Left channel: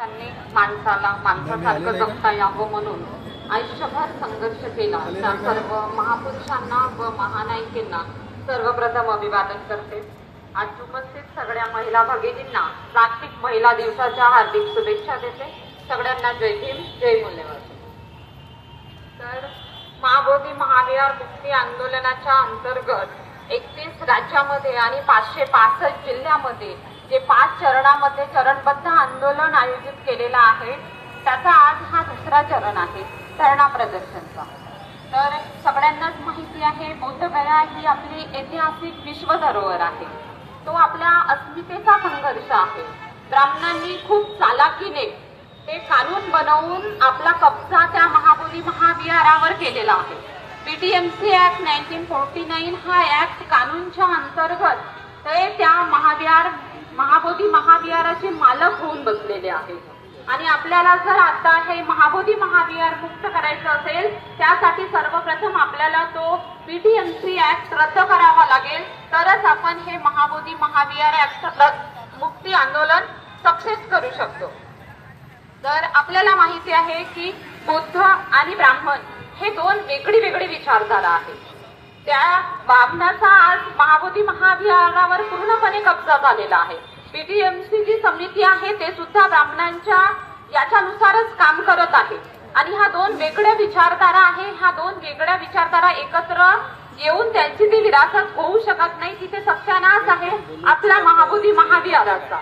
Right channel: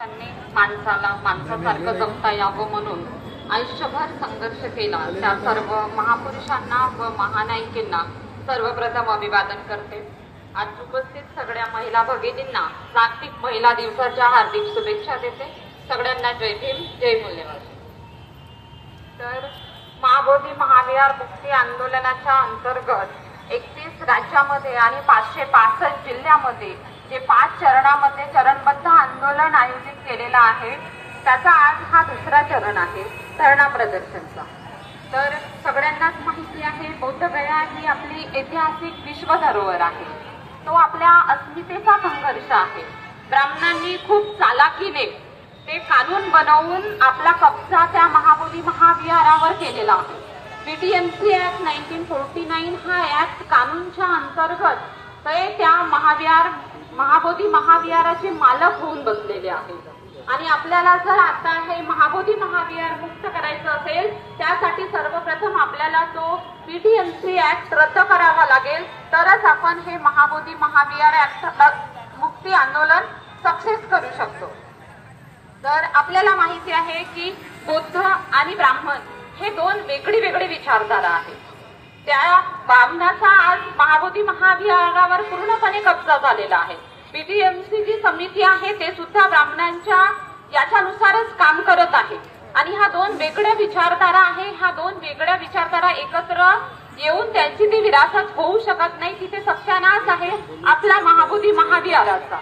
त्यांनी माणसाला माणसासारखं जगता यावं म्हणून आयुष्यभर संघर्ष केला. त्या सर्व महापुरुषांना व महानायिकांना सर्वप्रथम अभिवादन करते. आज उपस्थित सगळ्या महिला भगिनींना जागतिक महिला दिवसाच्या हार्दिक शुभेच्छा देते. सगळ्यांना जय भीम, जय मूल्यवान. तर महाबोधी महाविहार मुक्ती आंदोलनाच्या अंतर्गत 31 राज्यामध्ये आणि 565 जिल्ह्यामध्ये जे 5 चरणामध्ये चरणबद्ध आंदोलन आयोजित केलेलं आहे, त्याचा आज हा दुसरा चरण आहे धरणा प्रदर्शनचा. तर सगळ्यांनाच माहिती आहे, बौद्धगया ही आपली ऐतिहासिक विश्व धरोहर आहे. तो आपल्या अस्मितेचा संघर्ष आहे. ब्राह्मणांनी खूप चालाकीने ते कानून बनवून आपला कब्जा त्या महाबोधी महाविहारावर केलेला आहे. बीटीएमसी ऍक्ट 1949 हा ऍक्ट कानूनच्या अंतर्गत ते त्या महाबोधी महाविहाराचे मालक होऊन बसलेले आहेत. आणि आपल्याला जर आता हे महाबोधी महाविहार मुक्त करायचं असेल, त्यासाठी सर्वप्रथम आपल्याला तो बीटीएमसी ऍक्ट रद्द करावा लागेल, तरच आपण हे महाबोधी महाविहार ऍक्ट मुक्ती आंदोलन सक्सेस करू शकतो. तर आपल्याला माहिती आहे की बौद्ध आणि ब्राह्मण हे दोन वेगळी विचारधारा आहेत. त्या ब्राह्मणाचा आज महाबोधी महाविहारावर पूर्णपणे कब्जा झालेला आहे. बीटीएमसी जी समिती आहे ते सुद्धा ब्राह्मणांच्या याच्यानुसारच काम करत आहे. आणि हा दोन वेगळ्या विचारधारा आहे. ह्या दोन वेगळ्या विचारधारा एकत्र येऊन त्यांची ती विरासत होऊ शकत नाही. तिथे सत्यानाश आहे आपला महाबोधी महाविहाराचा.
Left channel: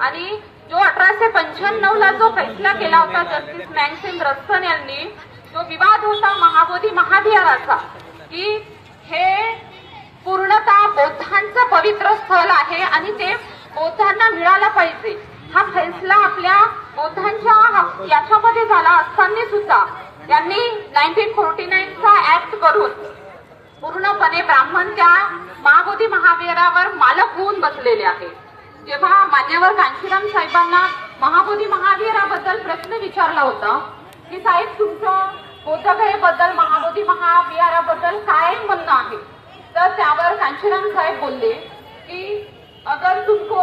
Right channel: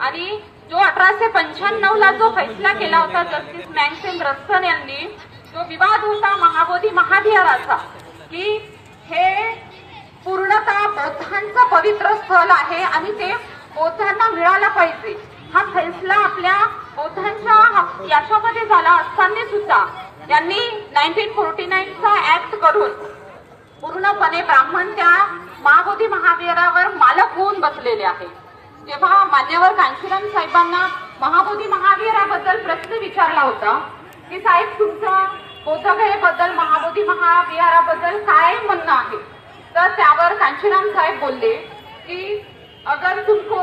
आणि जो 1895 ला जो फैसला केला होता जस्टिस मॅक्सिम रस्टन यांनी, जो विवाद होता महाबोधी महाविहाराचा, की हे पूर्णतः बौद्धांचं पवित्र स्थळ आहे आणि ते बौद्धांना मिळाला पाहिजे, हा फैसला आपल्या बौद्धांच्या याच्यामध्ये झाला असताना सुद्धा यांनी 1949 चा ऍक्ट करून पूर्णपणे ब्राह्मण त्या महाबोधी महाविहारावर मालक होऊन बसलेले आहे. जेव्हा मान्यवर कांशीराम साहेबांना महाबोधी महाविहाराबद्दल प्रश्न विचारला होता की साहेब तुमचं बौद्धगयेबद्दल महाबोधी महाविहाराबद्दल काय म्हणणं आहे, तर त्यावर कांशीराम साहेब बोलले कि अगर तुमको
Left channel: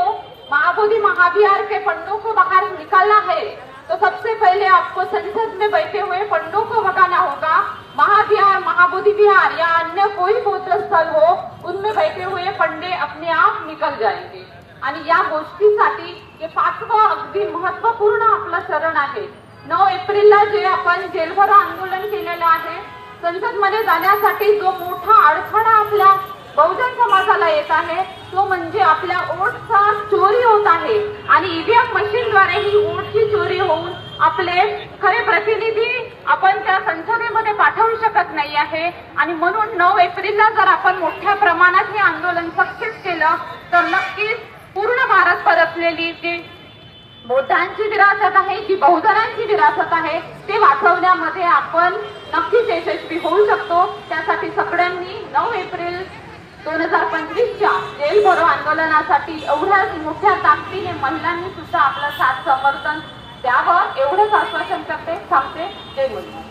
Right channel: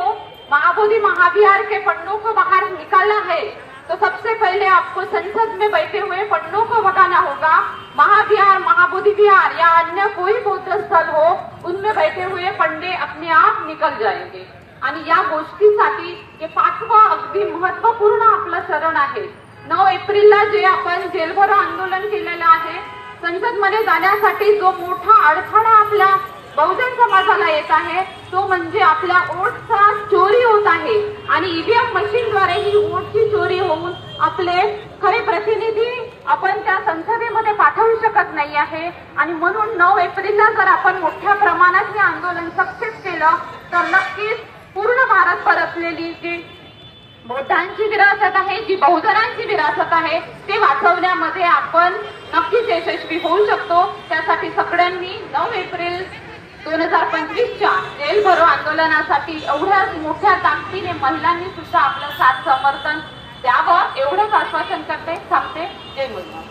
महाबोधि महाविहार के पन्नों को बाहर निकालना है तो सबसे पहले आपको संसद में बैठे हुए पन्नों को भगाना होगा. महाविहार, महाबोधि विहार या अन्य कोई बौद्ध स्थल हो, उनमें बैठे हुए पंडे अपने आप निकल जाएंगे. आणि या गोष्टीसाठी हे 5वं अगदी महत्वपूर्ण आपलं चरण आहे. 9 एप्रिलला जे आपण जेलभरो आंदोलन केलेलं आहे, संसदमध्ये जाण्यासाठी जो मोठा अडथळा आपल्या बहुजन समाजाला येत आहे, तो म्हणजे आपल्या वोटचा चोरी होत आहे. आणि ईव्हीएम मशीनद्वारे ही वोटची चोरी होऊन आपले खरे प्रतिनिधी आपण त्या संसदेमध्ये पाठवू शकत नाही आहे. आणि म्हणून 9 एप्रिलला जर आपण मोठ्या प्रमाणात हे आंदोलन सक्सेस केलं तर नक्कीच पूर्ण भारत परतलेली जी बौद्धांची विरासत आहे, जी बहुजनांची विरासत आहे, ते वाचवण्यामध्ये आपण नक्कीच यशस्वी होऊ शकतो. त्यासाठी सगळ्यांनी 9 एप्रिल 2025च्या जेल भरो आंदोलनासाठी एवढ्या मोठ्या ताकदीने महिलांनी सुद्धा आपलं साथ समर्थन द्यावं, एवढंच आश्वासन करते. थांबते. जय मुलगा.